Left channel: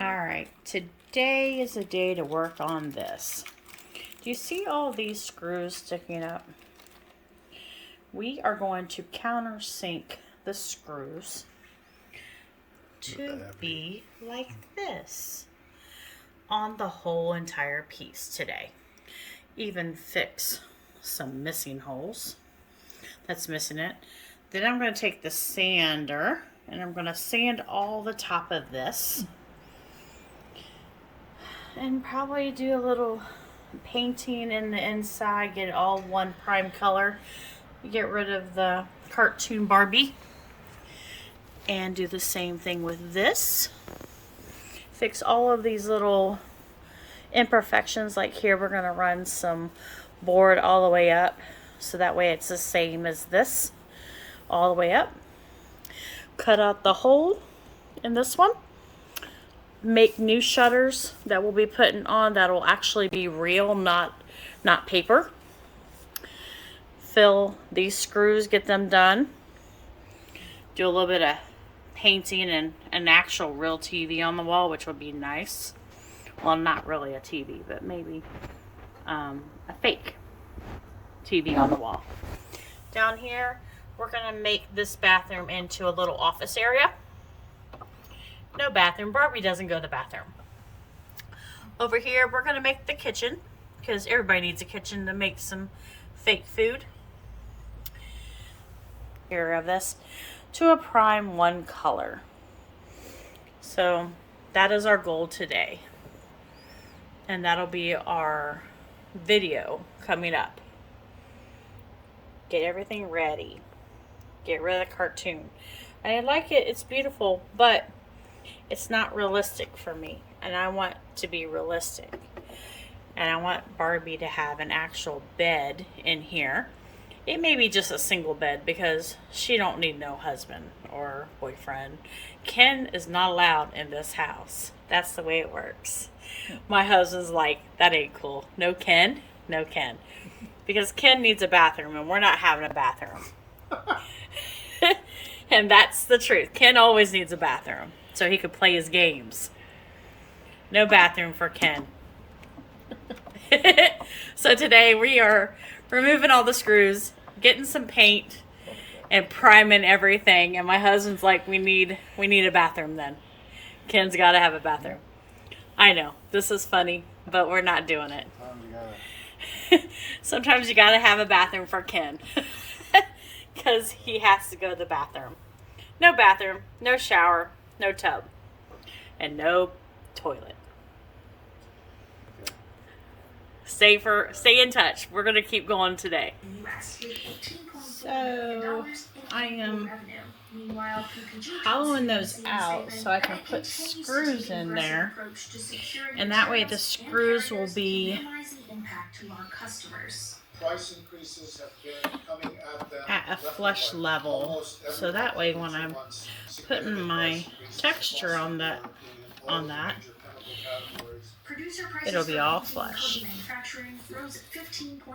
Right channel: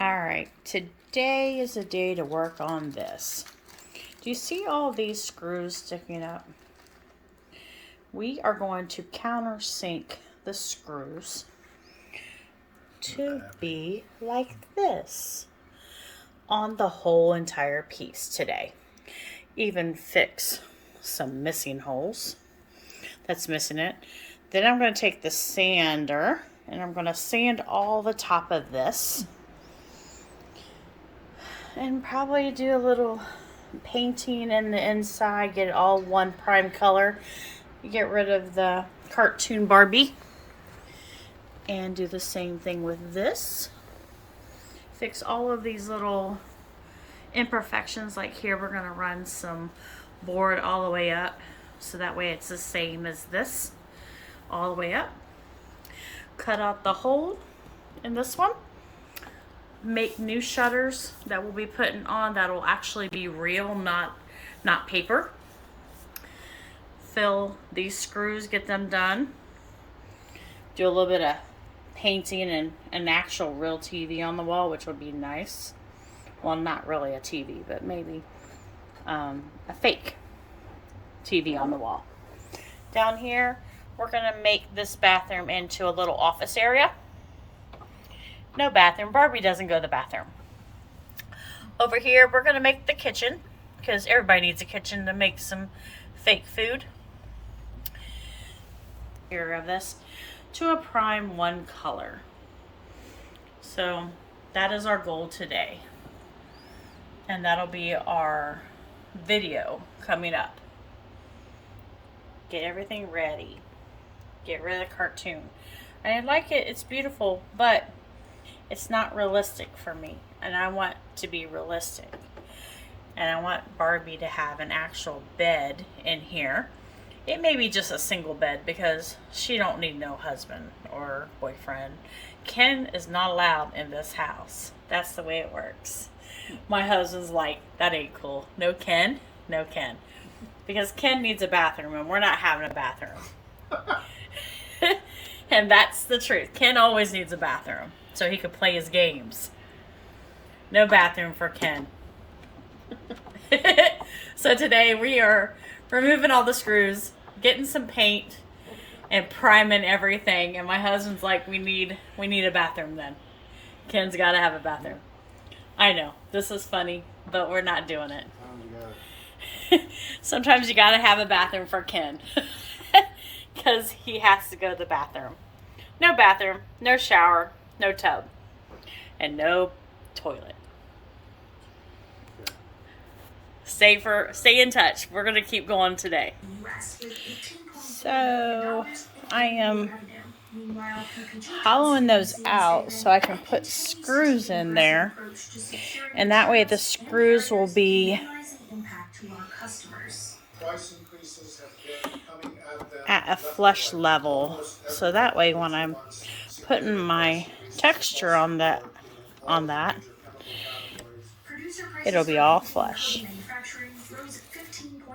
Alright, today is the day to work on this. Do you see all these screws sticking up? We are going to countersink the screws to be like this on the whole entire piece today. Even fix some missing holes that's missing it. Then I'm going to take the sander and I'm going to sand all the top of this and probably do a little painting in the inside, get it all one prime color, get rid of the cartoon Barbie, and do the same thing with this. Fix all of these little imperfections. Like here we're going to run some board all the way up so that way it's the same as this all the way up. Cut out the hole in this one. Make new shutters that we'll be putting on that will actually be real, not paper. Fill these screws, get them done. Do a little bit of painting and an actual real TV on the wall, which would be nice. Well, not really a TV, but maybe a fake TV on the wall. Down here, we're gonna make this bathroom into a little office area. No bathroom. Barbie doesn't go to the bathroom. Over here, we're going to make the kitchen because everybody needs a kitchen to make some fake food. Here we have this to a prime one color. So that is our goal today. And that'll be our video coming up. Get everything ready. Get rid of the cartoon. I like it. It's beautiful, but it's not realistic for me, and I want to be realistic. And I want Barbie to have an actual bed in here. It may be just a single bed because she don't need no husband or boyfriend. Ken is not allowed in this house. That's the way it works. My husband's like, that ain't cool. No Ken, no Ken. Because Ken needs a bathroom and we're not having a bathroom. And that's the truth. Ken always needs a bathroom so he could play his games. No bathroom for Ken. So today we are removing all the screws, getting some paint, and priming everything. And my husband's like, we need a bathroom then. Ken's got to have a bathroom. I know, this is funny, but we're not doing it. Sometimes you got to have a bathroom for Ken. Because he has to go to the bathroom. No bathroom, no shower, no tub, and no toilet. Stay in touch. We're going to keep going today. So I am hollowing those out so I can put screws in there. And that way the screws will be at a flush level. So that way when I'm putting my texture on that, it'll be all flush.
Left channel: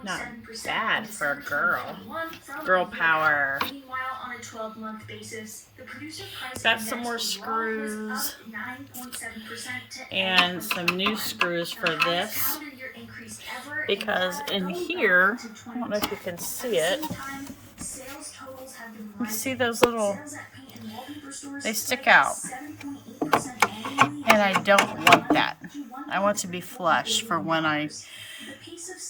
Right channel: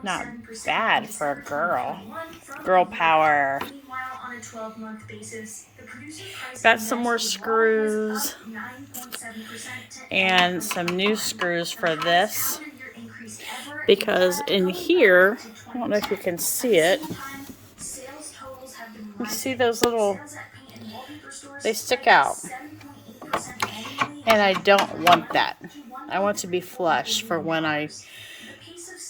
Not bad for a girl. Girl power. Got some more screws and some new screws for this. Because in here, I don't know if you can see it. You see those little, they stick out. And I don't want that. I want to be flush for when I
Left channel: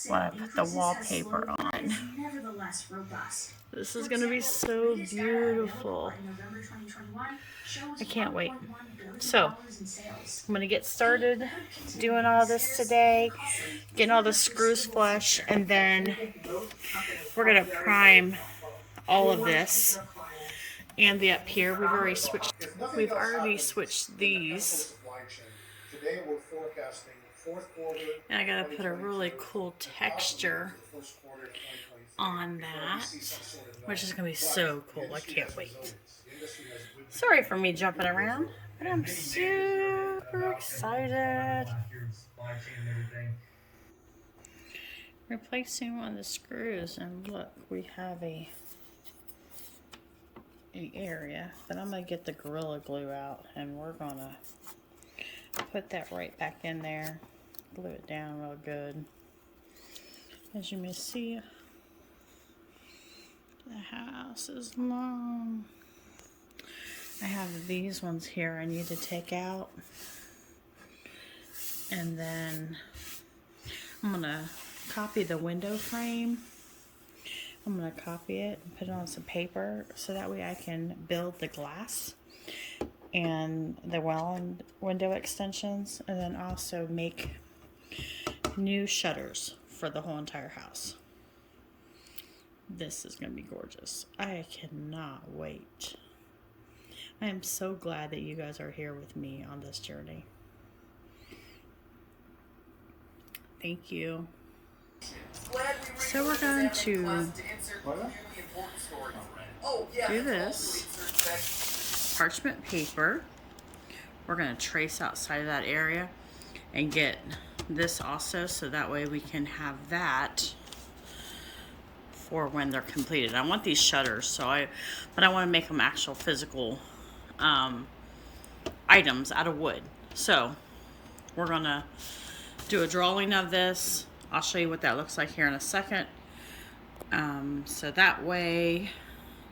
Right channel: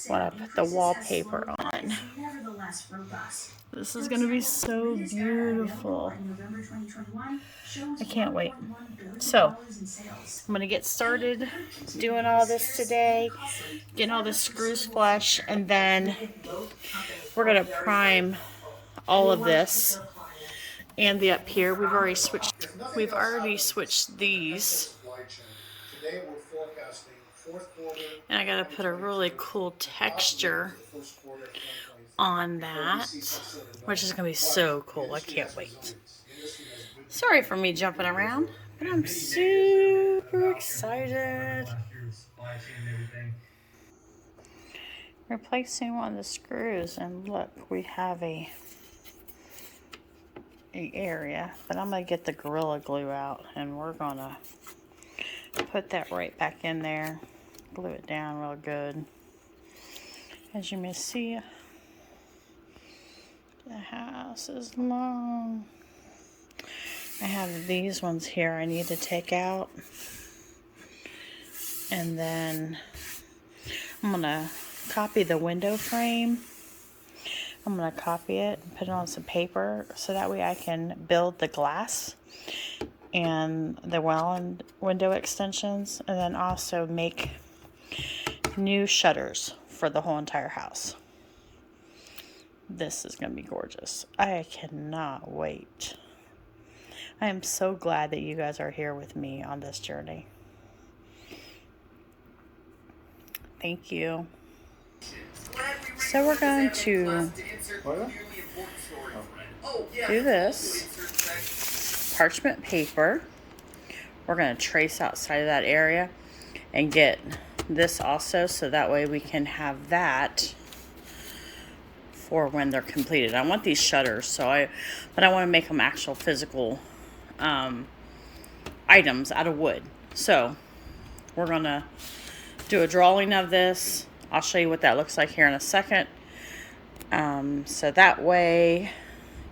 put the wallpaper on. This is going to be so beautiful. I can't wait. So, I'm going to get started doing all this today, getting all the screws flush, and then we're going to prime all of this and the up here. We've already switched these. And I gotta put a really cool texture on that, which is gonna be so cool. I can't wait. Sorry for me jumping around, but I'm super excited. Replacing one of the screws, and look, we have a area, but I'm gonna get the Gorilla Glue out and we're gonna put that right back in there. Glue it down real good. As you may see, the house is long. I have these ones here I need to take out. And then I'm gonna copy the window frame. I'm gonna copy it and put it on some paper so that way I can build the glass and the window extensions, and then also make new shutters for the whole entire house. This is gonna be gorgeous. I cannot wait. I am so glad that you guys are here with me on this journey. Thank you. So we're going to do this parchment paper. We're going to trace outside of that area and get this also, so that way we can have that for when they're completed. I want these shutters, but I want to make them actual physical items out of wood. So we're going to do a drawing of this. I'll show you what that looks like here in a second. So that way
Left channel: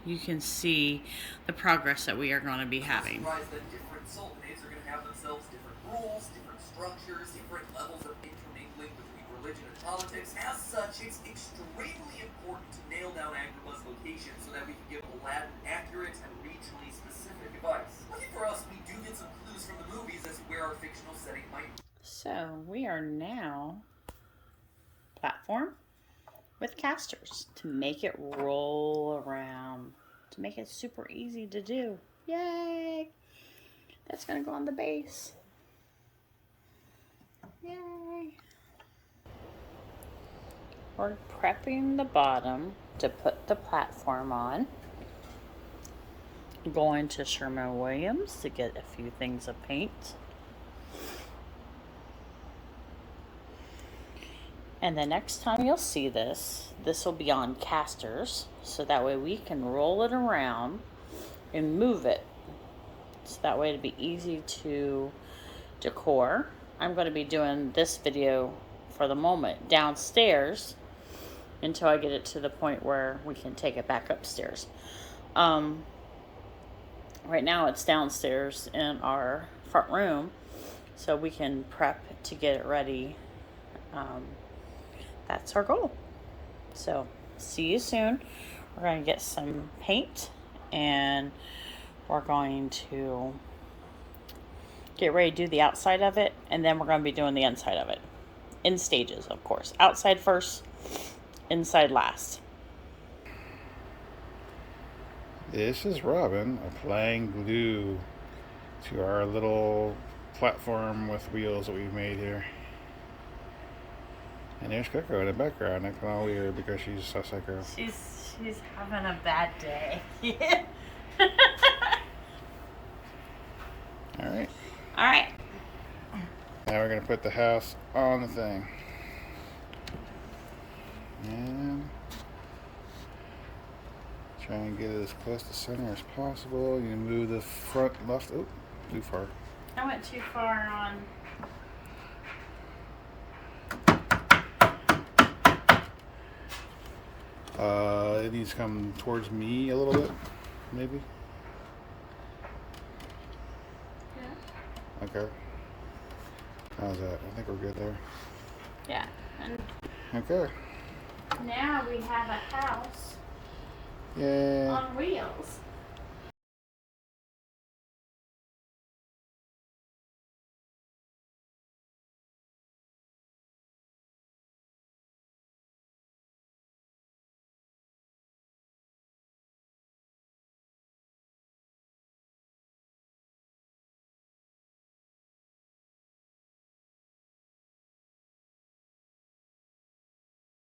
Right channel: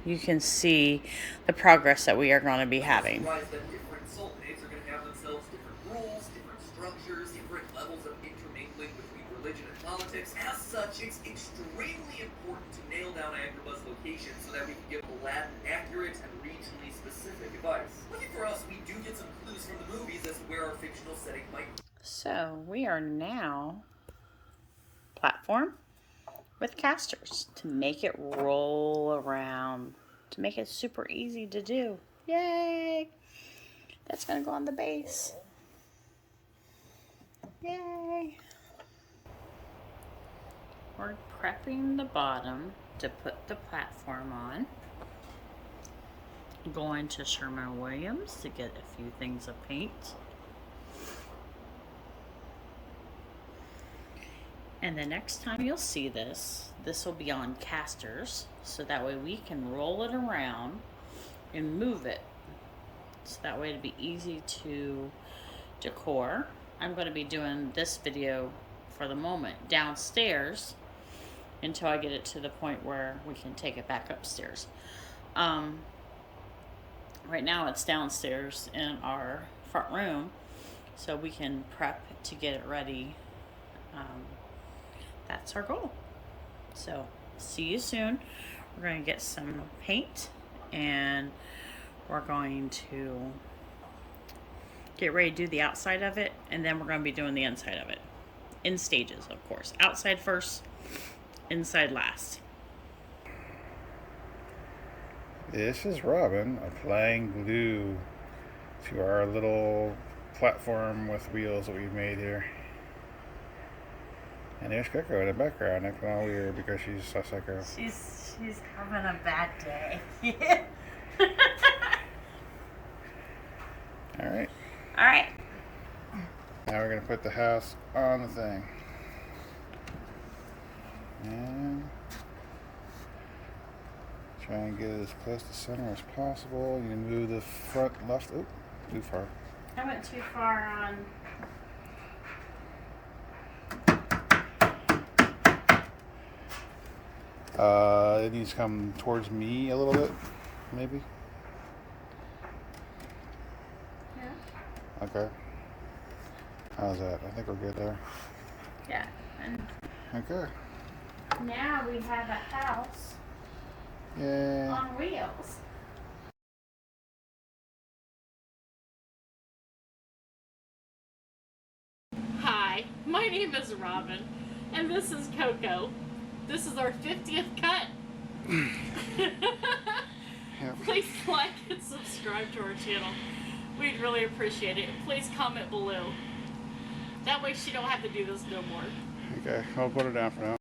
you can see the progress that we are going to be having. Different sultanates are going to have themselves different rules, different structures, different levels of intermingling between religion and politics. As such, it's extremely important to nail down Agrabah's location so that we can give Aladdin accurate and regionally specific advice. Lucky for us, we do get some clues from the movies as to where our fictional setting might be. So we are now platform with casters to make it roll around, to make it super easy to do. Yay! That's gonna go on the base. Yay! We're prepping the bottom to put the platform on. Going to Sherwin-Williams to get a few things of paint. And the next time you'll see this will be on casters, so that way we can roll it around and move it. So that way it'll be easy to decor. I'm going to be doing this video for the moment downstairs until I get it to the point where we can take it back upstairs. Right now it's downstairs in our front room, so we can prep to get it ready. That's our goal. So see you soon. We're going to get some paint and we're going to get ready to do the outside of it, and then we're going to be doing the inside of it in stages, of course. Outside first, inside last. This is Robin applying glue to our little platform with wheels that we've made here. And there's Coco in the background, acting all weird because she's a psycho. She's having a bad day. Alright. Alright. Now we're going to put the house on the thing. And try and get it as close to center as possible. You can move the front left. Oh, too far. I went too far on. It needs to come towards me a little bit, maybe. Yeah. Okay. How's that? I think we're good there. Yeah. And okay. now we have a house Yay. on wheels. Hi, my name is Robin, and this is Coco. This is our 50th cut. Please like and subscribe to our channel. We'd really appreciate it. Please comment below. That way she don't have to do this no more. Okay, I'll put it down for now.